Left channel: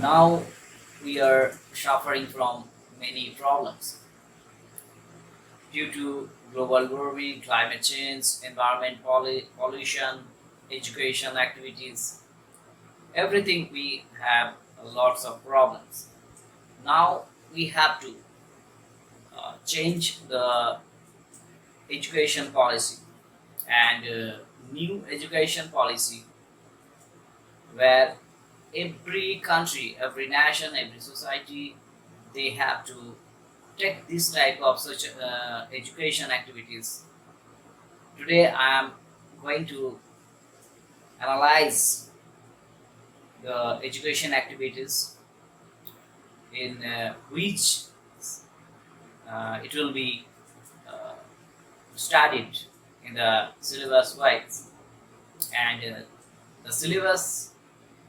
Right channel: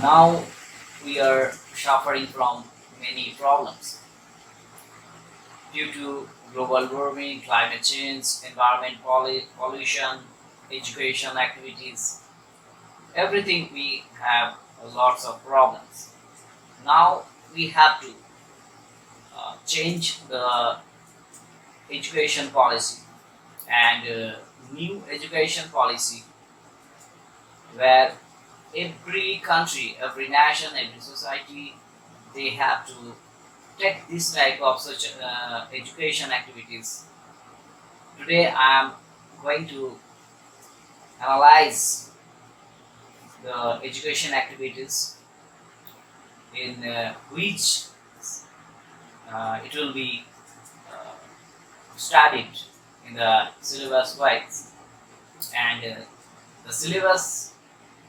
Now we are suffering from many problems due to global warming, climate change, environment pollution, education activities, everything we have lots of problems. Now we have to change the education policy and new education policy where every country, every nation, every society, they have to take this type of such education activities. Today I am going to analyze the education activities in which it will be uh, studied in the syllabus wise, and the syllabus,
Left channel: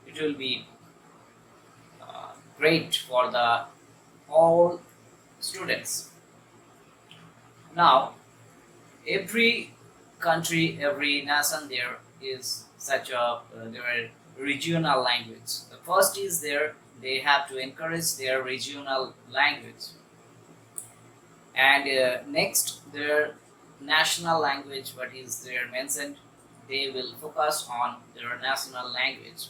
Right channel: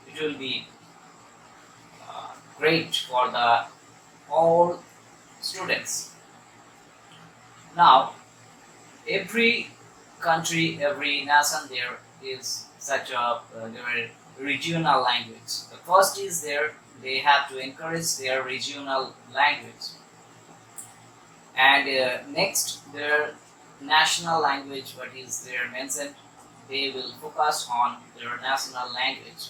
it will be great for the all students. Now every country, every nation, there is such a there are regional language. The first is there, they have to encourage their regional language, and next their national language, what is there mentioned, they will focus on their national language.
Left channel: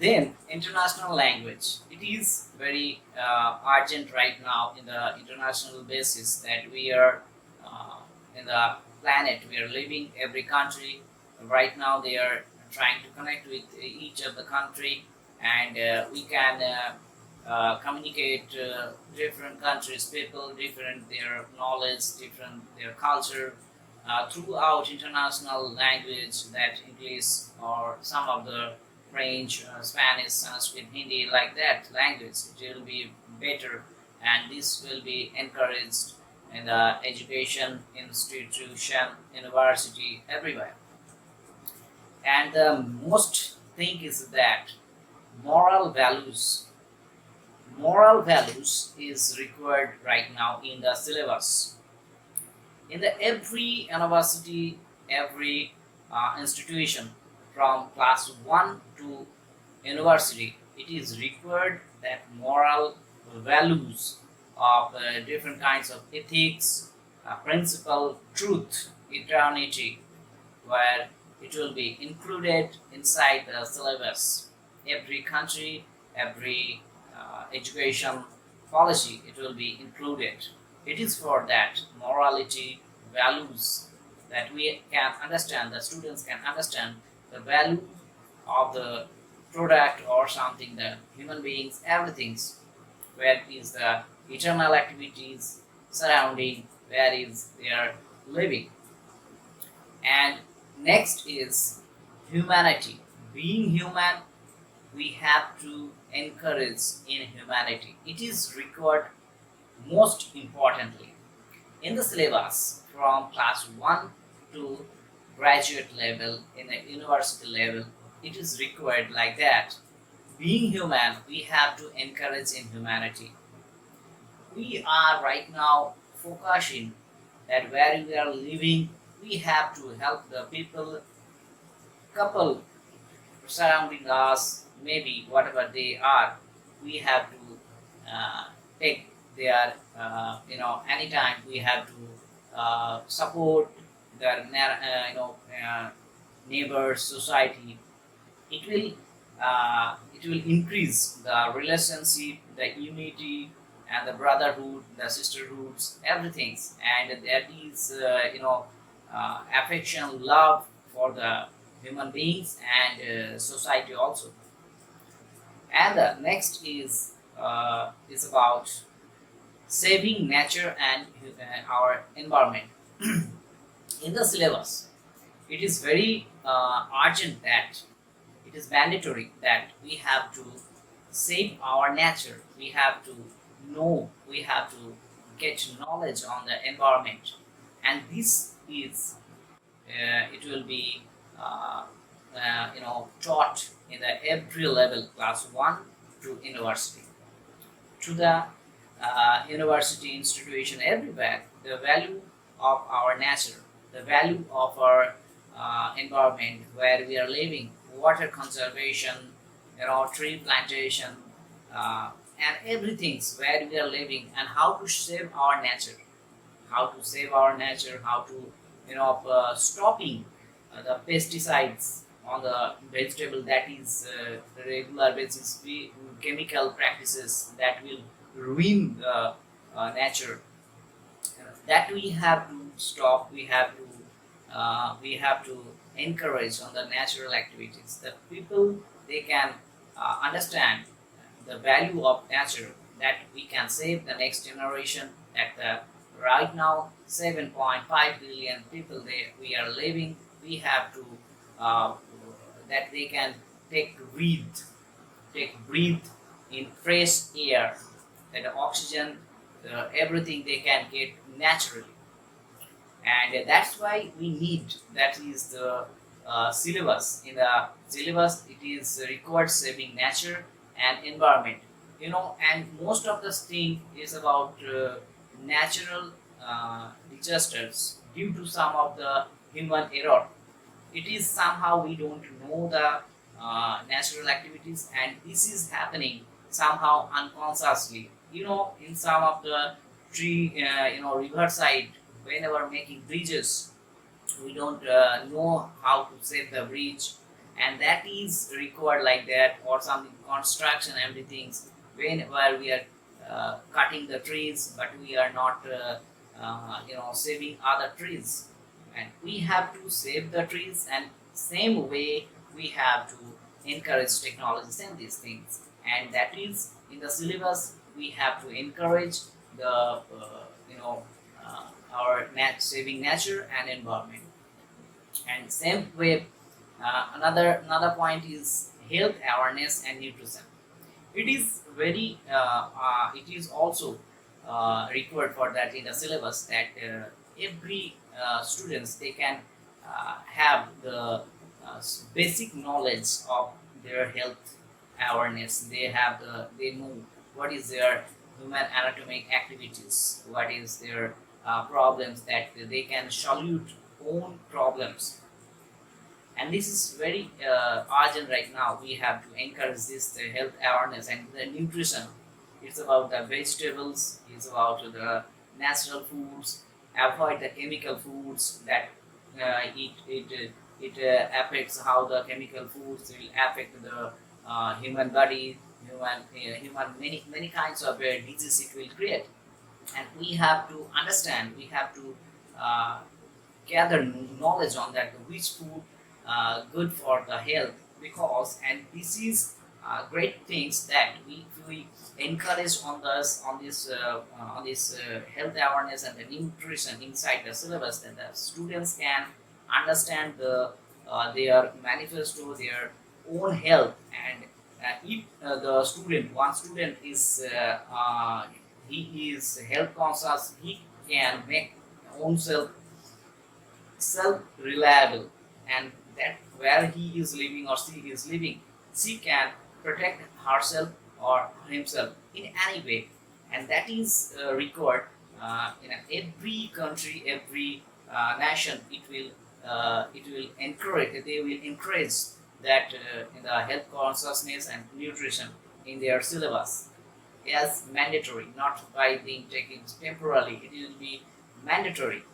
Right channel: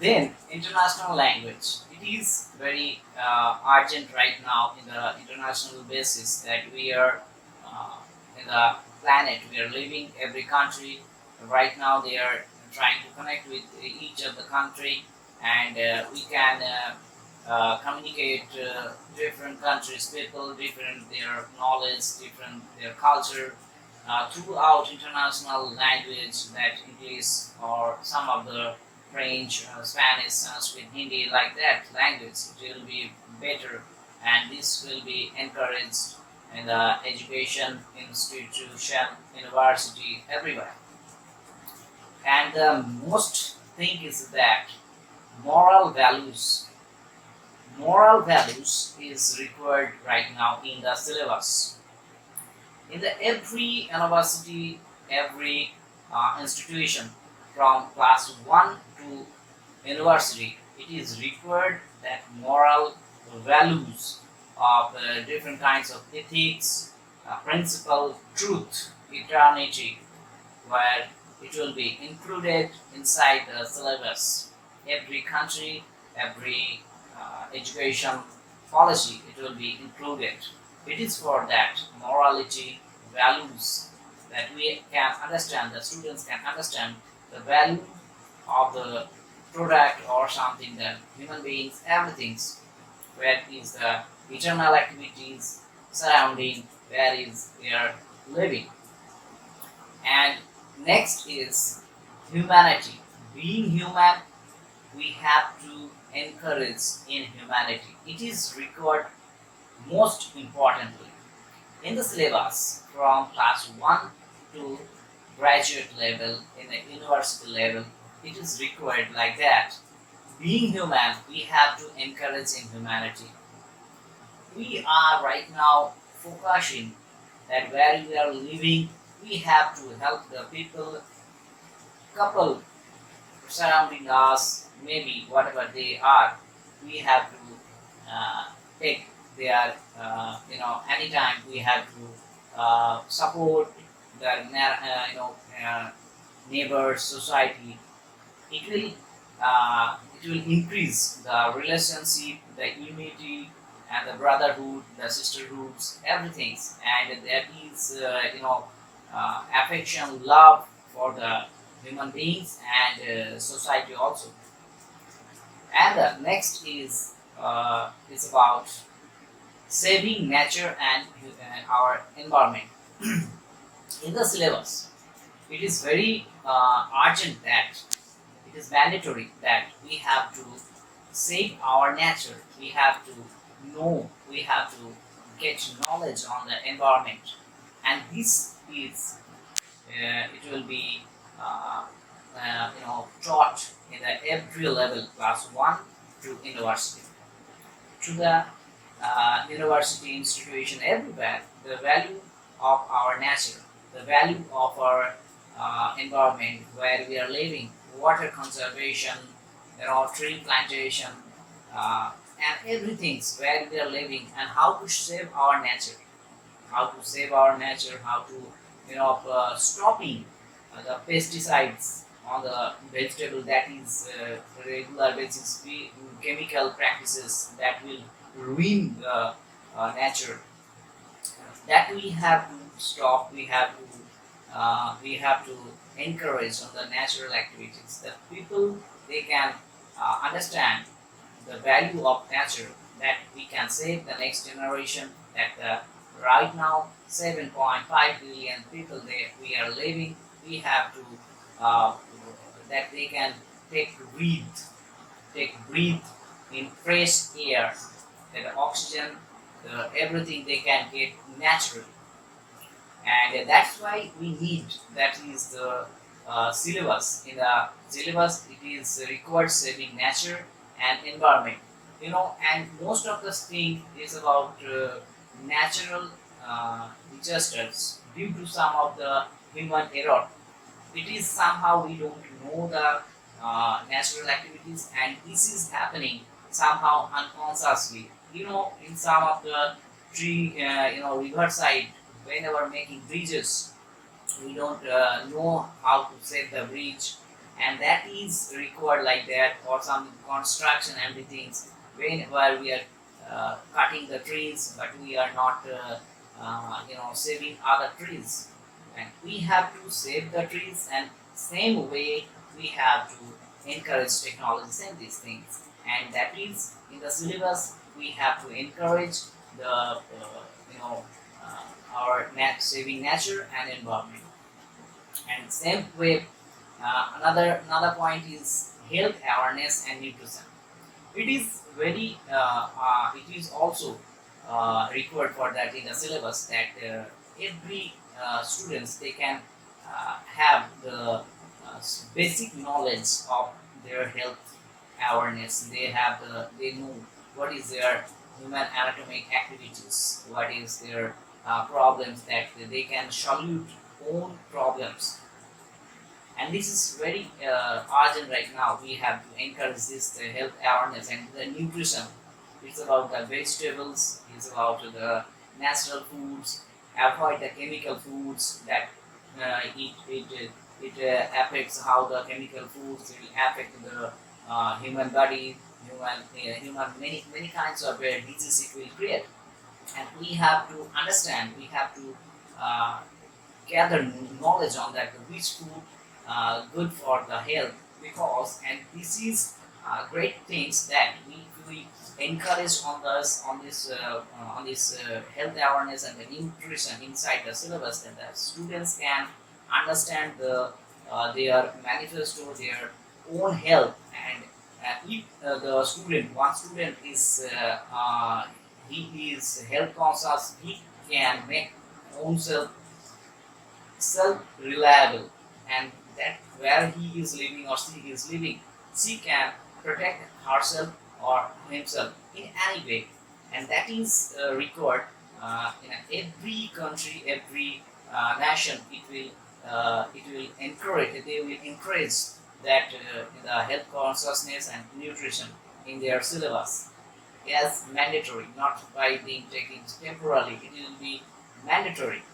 Then international language, it is very urgent right now in the international basis that we are uh, in the planet we are living. Every country right now, they are trying to connect with each of the country, and we can communicate different countries people, different their knowledge, different their culture throughout international language, that English or some of the French, Spanish, Sanskrit, Hindi, like that language. It will be better, and this will be encouraged in the education institution, university, everywhere. And the most thing is that moral values. Moral values is required right now in the syllabus. In the every university, every institution from class 1 to university, it is required that moral values of different kinds of ethics, principle, truth, eternity, where it will be included inside the syllabus. Every country, every education policy, it will be included. It is for that morality, values, that we can understand, the students can understand the value of the product or something, the human beings, everything's, where is the eternal activities surrounding, where is their living. And next is humanity. Being human, we have to encourage in humanity. It is required most importantly in the syllabus from class 1 to graduate level, in the university level. It is required like that. Being human, we have to encourage in humanity. We are right now focusing that where we are living, we have to help the people, couple surrounding us, maybe whatever they are. We have to take their, anytime we have to support the neighbors, society. It will increase the relationship, the unity, and the brotherhood, the sisterhoods, everything, and that is affection, love for the human beings and society also. And the next is about saving nature and our environment. In the syllabus, it is very urgent that it is mandatory that we have to save our nature. We have to know, we have to get knowledge on the environment, and this is it will be taught in the every level, class 1 to university, to the university institution, everywhere. The value of our nature, the value of our environment where we are living, water conservation, tree plantation, and everything where we are living, and how to save our nature, how to stopping the pesticides on the vegetable, that is regular basis, chemical practices that will ruin the nature, that we have to stop. We have to encourage on the natural activities. The people, they can understand the value of nature, that we can save the next generation. That right now 7.5 billion people we are living, we have to uh, that they can take breathe in fresh air, and oxygen, everything they can get naturally. And that's why we need, that is the syllabus. In the syllabus, it is required saving nature and environment, and most of this thing is about natural disasters due to some of the human error. It is somehow we don't know the natural activities, and this is happening somehow unconsciously, in some of the tree riverside, whenever making bridges, we don't know how to set the bridge, and that is required like that, or some construction everything, whenever we are cutting the trees, but we are not saving other trees, and we have to save the trees, and same way we have to encourage technologies and these things, and that is in the syllabus. We have to encourage the you know our saving nature and environment. And same way, another point is health awareness and nutrition. It is it is also required for that in the syllabus, that every students, they can have the basic knowledge of their health awareness. They know what is their human anatomic activities, what is their problems, that they can solve own problems. And this is very urgent right now. We have to encourage this health awareness. And the nutrition, it's about the vegetables, it's about the natural foods, avoid the chemical foods, that it affects how the chemical foods will affect the human body, human many kinds of disease it will create. And we have to understand, we have to uh, gather knowledge on that, which food good for the health, because, and this is great things that we encourage on this health awareness and the nutrition inside the syllabus, that the students can understand their manifesto, their own health. And if one student is he is health conscious, he can make own self reliable, and that where he is living or she is living, she can protect herself or himself in any way. And that is required in every country, every nation. It will encourage, they will encourage that in the health consciousness and nutrition in their syllabus as mandatory, not by being taken temporarily. It will be mandatory.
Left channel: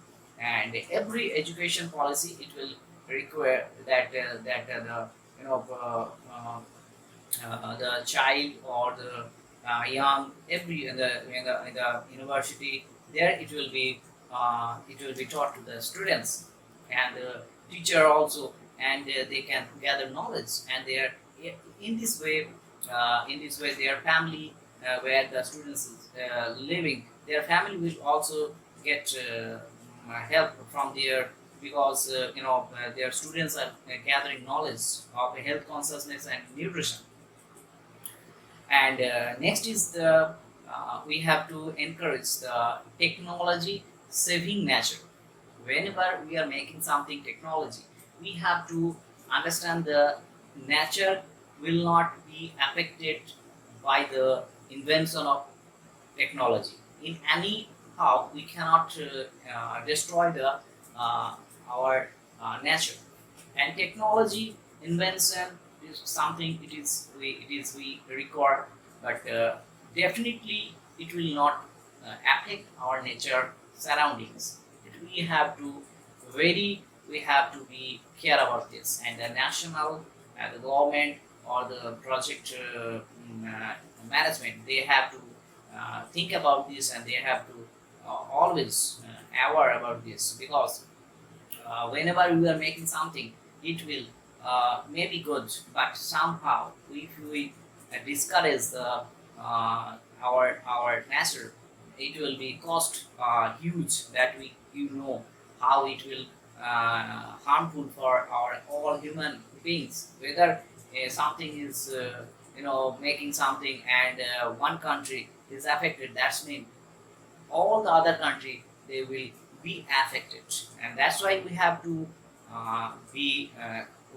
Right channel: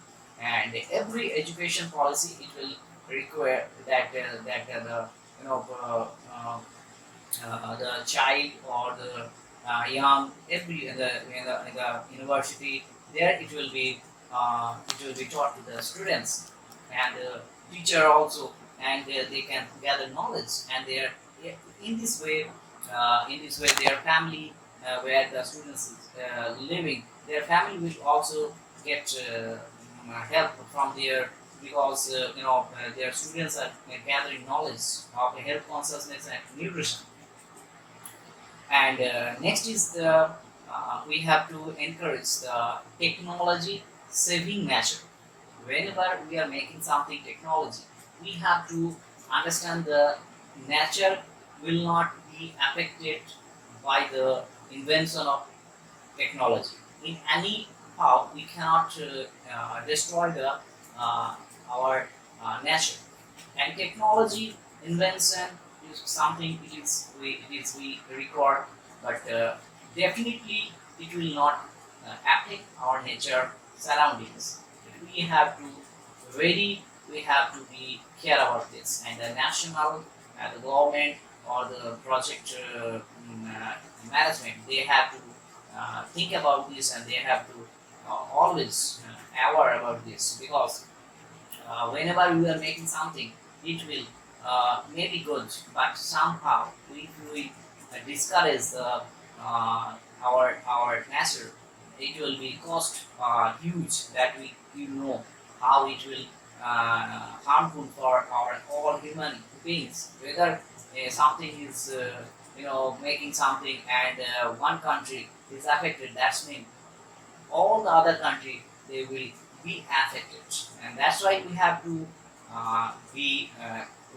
And every education policy, it will require that the the child or the young, every in the university, there it will be taught to the students, and teacher also, and they can gather knowledge, and their in this way their family, where the students is living, their family will also get help from their, because their students are gathering knowledge of health consciousness and nutrition. And next is the we have to encourage the technology saving nature. Whenever we are making something technology, we have to understand the nature will not be affected by the invention of technology. In any how, we cannot destroy the our nature. And technology invention is something it is we record, but definitely it will not affect our nature surroundings. We have to we have to be care about this, and the national, the government or the project management, they have to think about this, and they have to always aware about this, because whenever we are making something, it will may be good, but somehow if we discourage our nature, it will be cost huge, that we know how it will harmful for our all human beings. Whether something is making something, and one country is affected, that's mean all the other country they will be affected, and that's why we have to be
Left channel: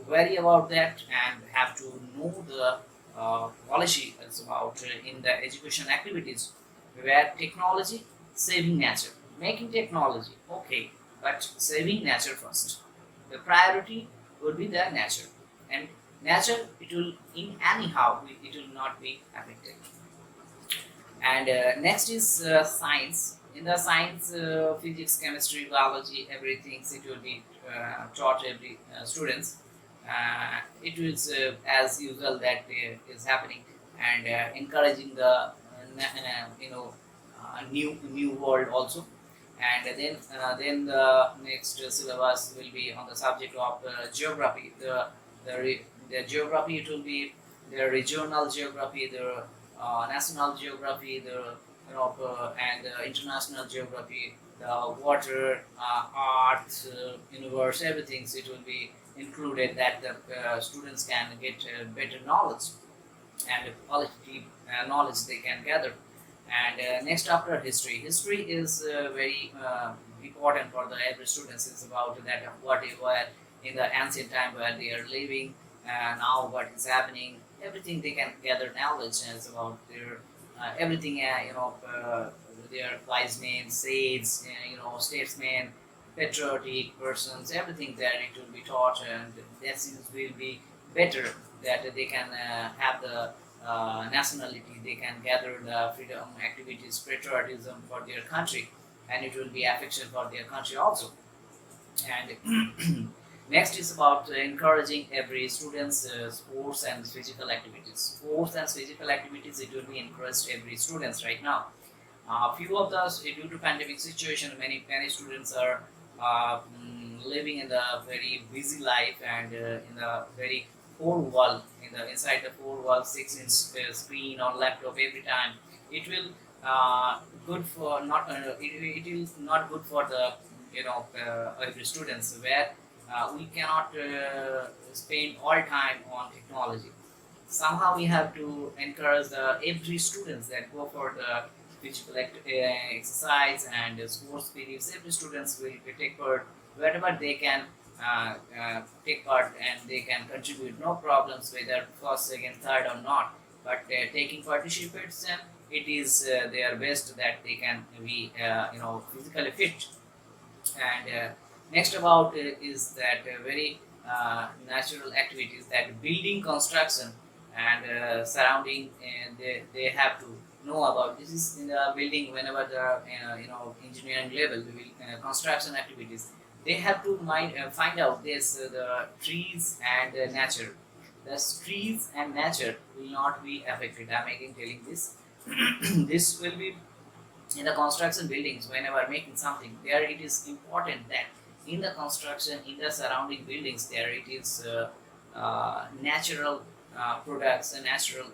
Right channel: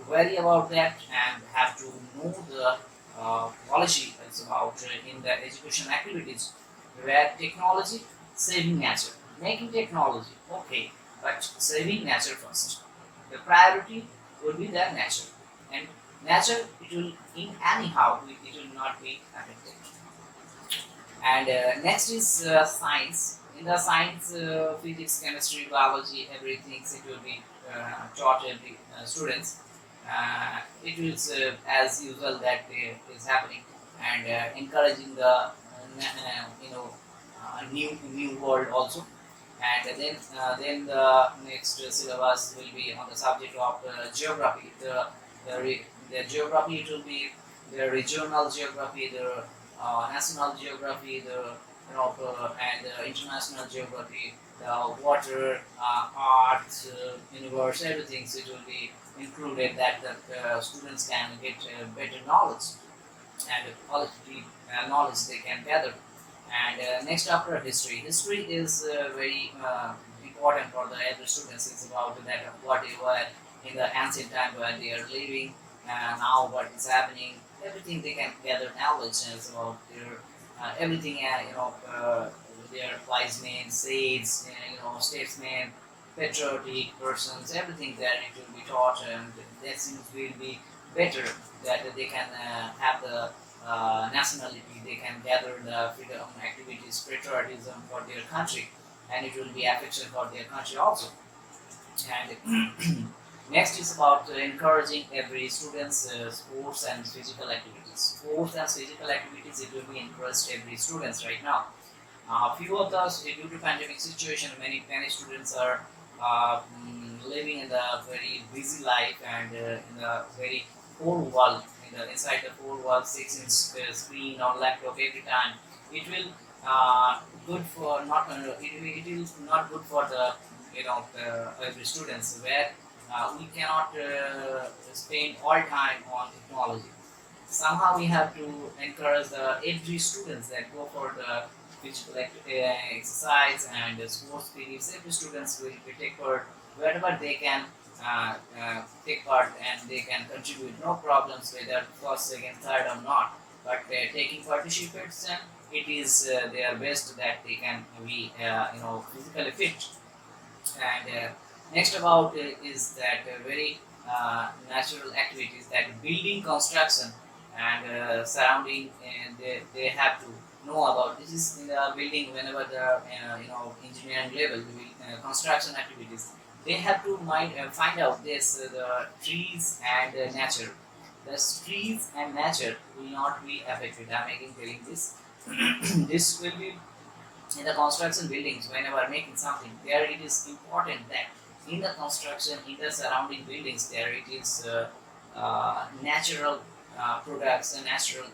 worry about that, and have to know the policy that's about in the education activities, where technology saving nature, making technology okay, but saving nature first. The priority would be the nature, and nature, it will in anyhow it will not be affected. And next is science. In the science, physics, chemistry, biology, everything, it will be taught every students. It is as usual that is happening, and encouraging the new world also. And then the next syllabus will be on the subject of geography. The geography, it will be the regional geography, the national geography, the and international geography, the water, art, universe, everything. So it will be included, that the students can get better knowledge, and quality knowledge they can gather. And next, after history, history is very important for the every students. It's about that what they were in the ancient time, where they are living, now what is happening, everything they can gather knowledge as about their everything, their wise men, sages, statesmen, patriotic persons, everything that it will be taught, and that seems will be better, that they can have the nationality, they can gather the freedom activities, patriotism for their country, and it will be affection for their country also. And next is about encouraging every students sports and physical activities. Sports and physical activities, it will be encouraged every students right now. Few of us, due to pandemic situation, many students are living in the very busy life, and in the very four wall, in the inside the four wall 6 inch screen on laptop every time. It will good for not it is not good for the every students, where we cannot spend all time on technology. Somehow we have to encourage every students that go for the physical exercise and sports periods. Every students will take part wherever they can take part, and they can contribute, no problems whether first, second, third or not. But taking participation, it is their best, that they can be physically fit. And next about is that very natural activities, that building construction and surrounding, and they have to know about this is in the building. Whenever the engineering level, the construction activities, they have to find out this the trees and nature. The trees and nature will not be affected. I'm again telling this. This will be in the construction buildings. Whenever making something, there it is important that in the construction, in the surrounding buildings, there it is natural products and natural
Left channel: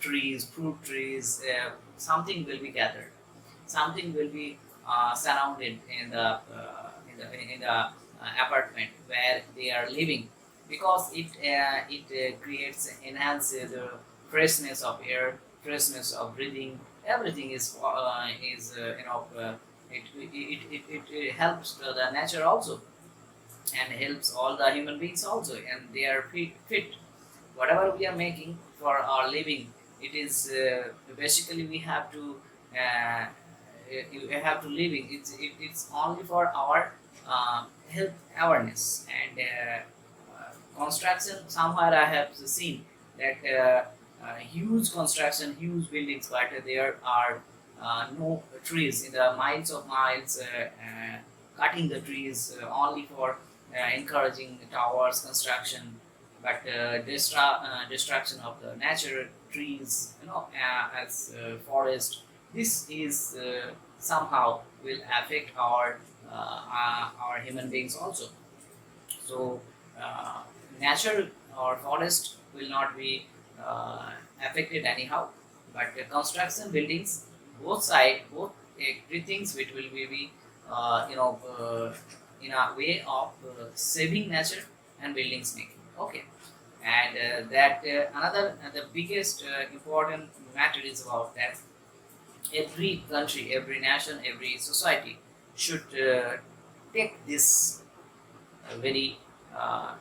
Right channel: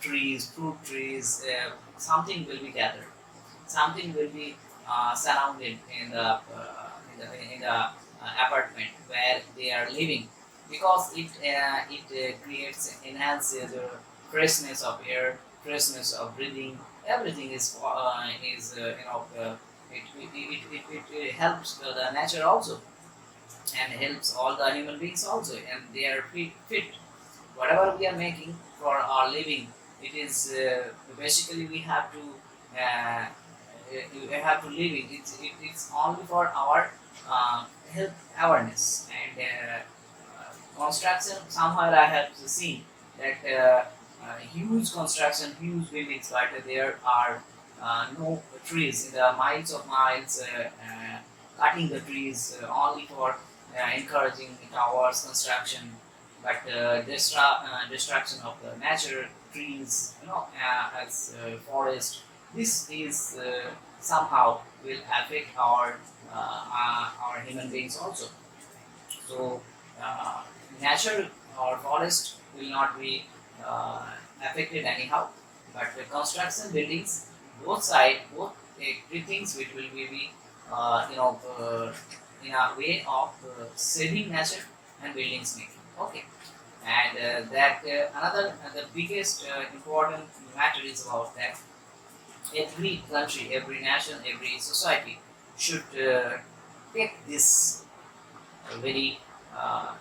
trees, fruit trees, something will be gathered, something will be surrounded in the apartment where they are living, because it creates, enhances the freshness of air, freshness of breathing. Everything it helps the nature also, and helps all the human beings also, and they are fit. Whatever we are making for our living, it is basically we have to live it. It's only for our health awareness, and construction, somewhere I have seen that huge construction, huge buildings, but there are no trees in the miles of miles, cutting the trees only for encouraging towers construction, but destruction of the natural trees, as forest. This is somehow will affect our human beings also. So uh, natural or forest will not be uh, affected anyhow, but the construction buildings, both side, both things, which will be in a way of saving nature and buildings making. Okay, and that another the biggest important matter is about that every country, every nation, every society should take this very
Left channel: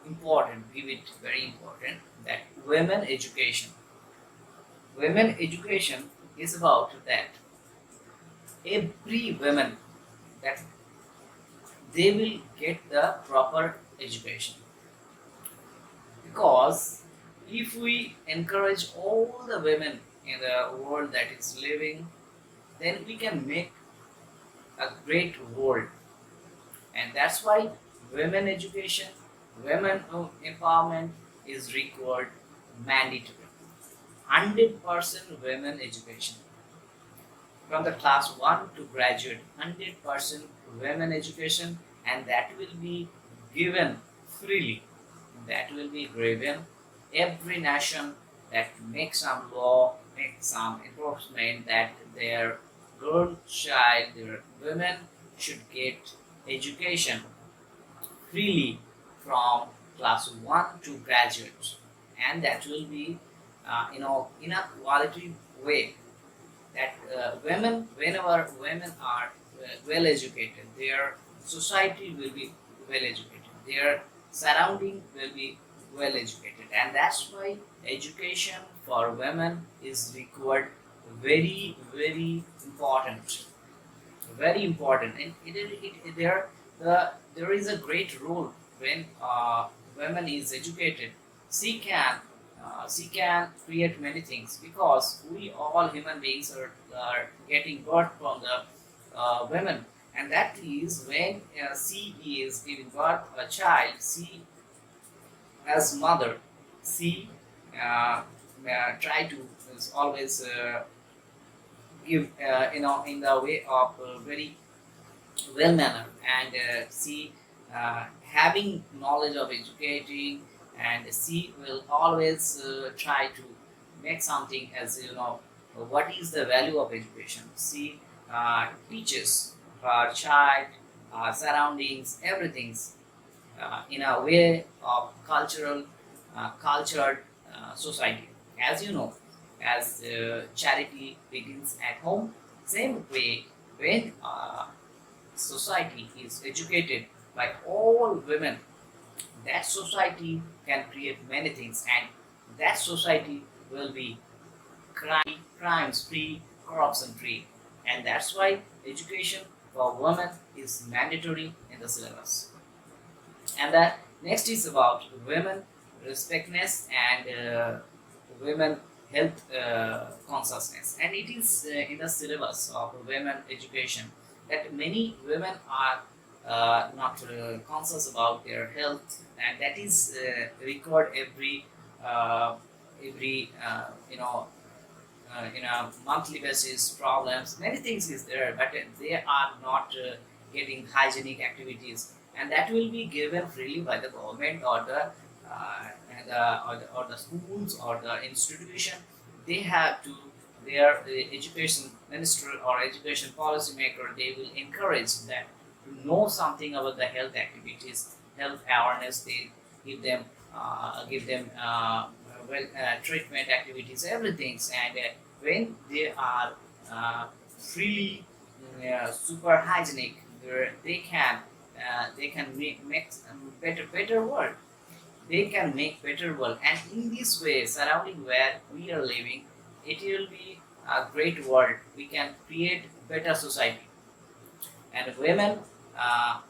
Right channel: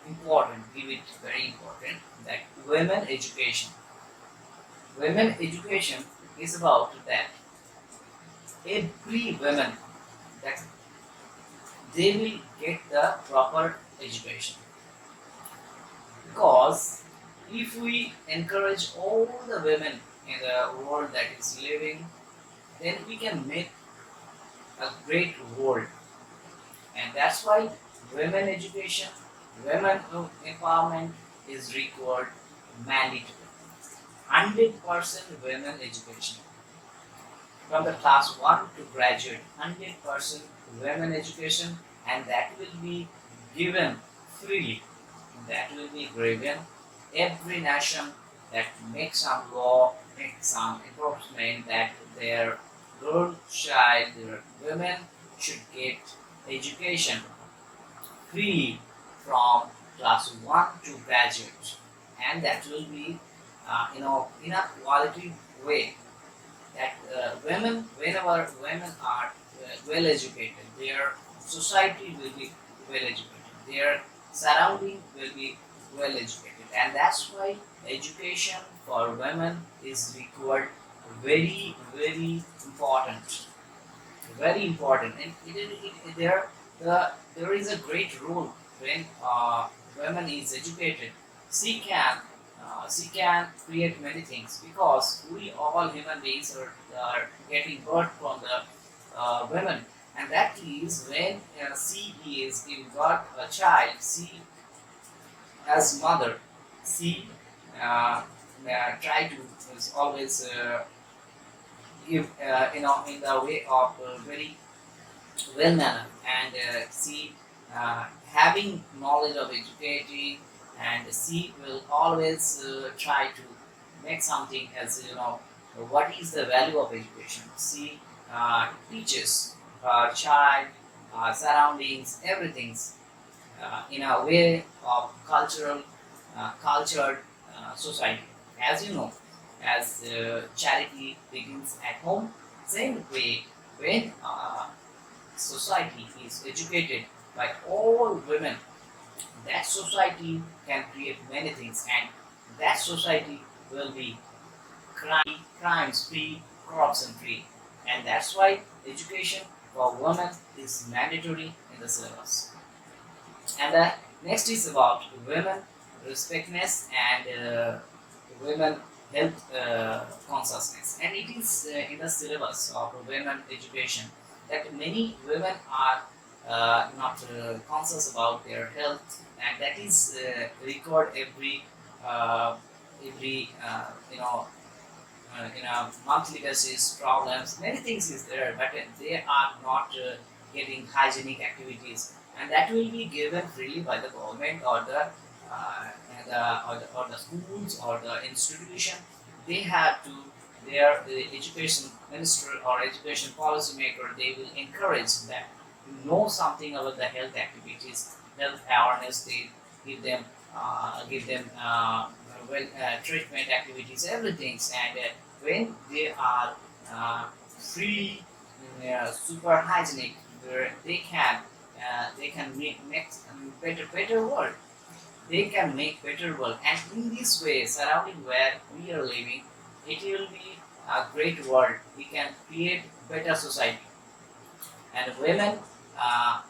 important, give it very important, that women education. Women education is about that every woman, that they will get the proper education, because if we encourage all the women in the world that is living, then we can make a great world. And that's why women education, women empowerment is required, mandatory. 100% women education from the class 1 to graduate, 100% women education, and that will be given freely. That will be given every nation that makes some law, makes some enforcement that their girl child, their women should get education freely from class 1 to graduate, and that will be in a quality way, that women, whenever women are well educated, their society will be well educated, their surrounding will be well educated, and that's why education for women is required, very very important, very important. And there is a great role when women is educated. She can create many things, because we all human beings are getting birth from the women, and that is when she is giving birth a child. She, as mother, she try to is always give in the way of very well manner, and she having knowledge of educating, and she will always try to make something, as what is the value of education. She teaches her child surroundings, everything in a way of cultured society. As you know, as charity begins at home, same way when society is educated by all women, that society can create many things, and that society will be crimes free, corruption free, and that's why education for women is mandatory in the syllabus. And the next is about women respectness and women health consciousness, and it is in the syllabus of women education that many women are not conscious about their health, and that is record uh, every in a monthly basis problems, many things is there, but they are not getting hygienic activities, and that will be given freely by the government, or the schools or the institution. They have to, their education minister or education policy maker, they will encourage that to know something about the health activities, health awareness. They give them treatment activities, everything, and when they are freely super hygienic, where they can make better world. They can make better world, and in this way, surrounding where we are living, it will be a great world. We can create better society, and women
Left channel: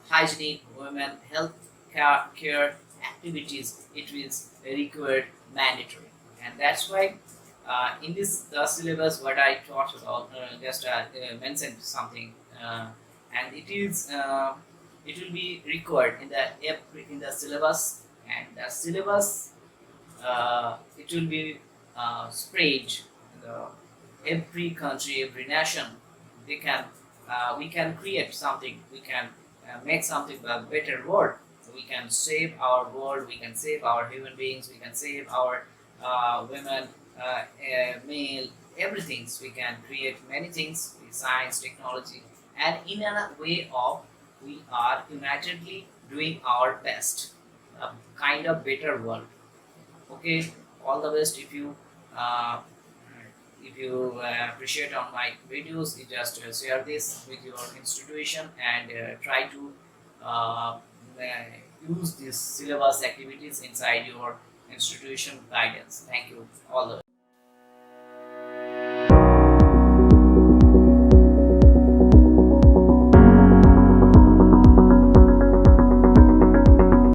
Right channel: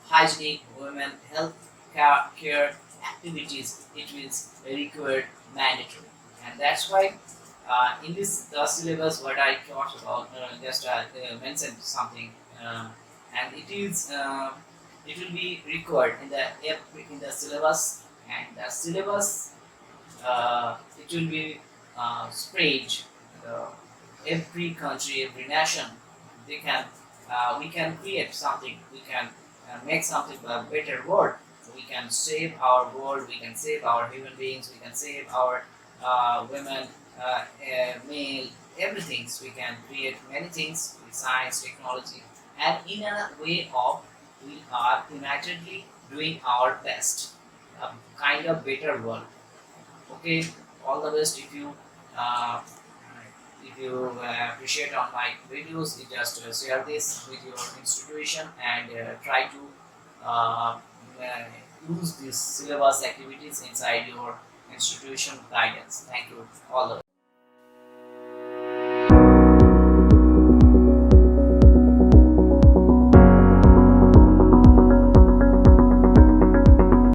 hygienic, women health care activities it is required mandatory, and that's why in this the syllabus what I talked about, just mentioned something, and it will be required in the syllabus, and the syllabus it will be spread the every country, every nation. They can we can create something, we can make something a better world. We can save our world, we can save our human beings, we can save our women, male, everything. So we can create many things with science, technology, and in a way of we are unitedly doing our best, a kind of better world. Okay, all the best. If you appreciate on my videos, you just share this with your institution and try to uh, use these syllabus activities inside your institution guidance. Thank you. All the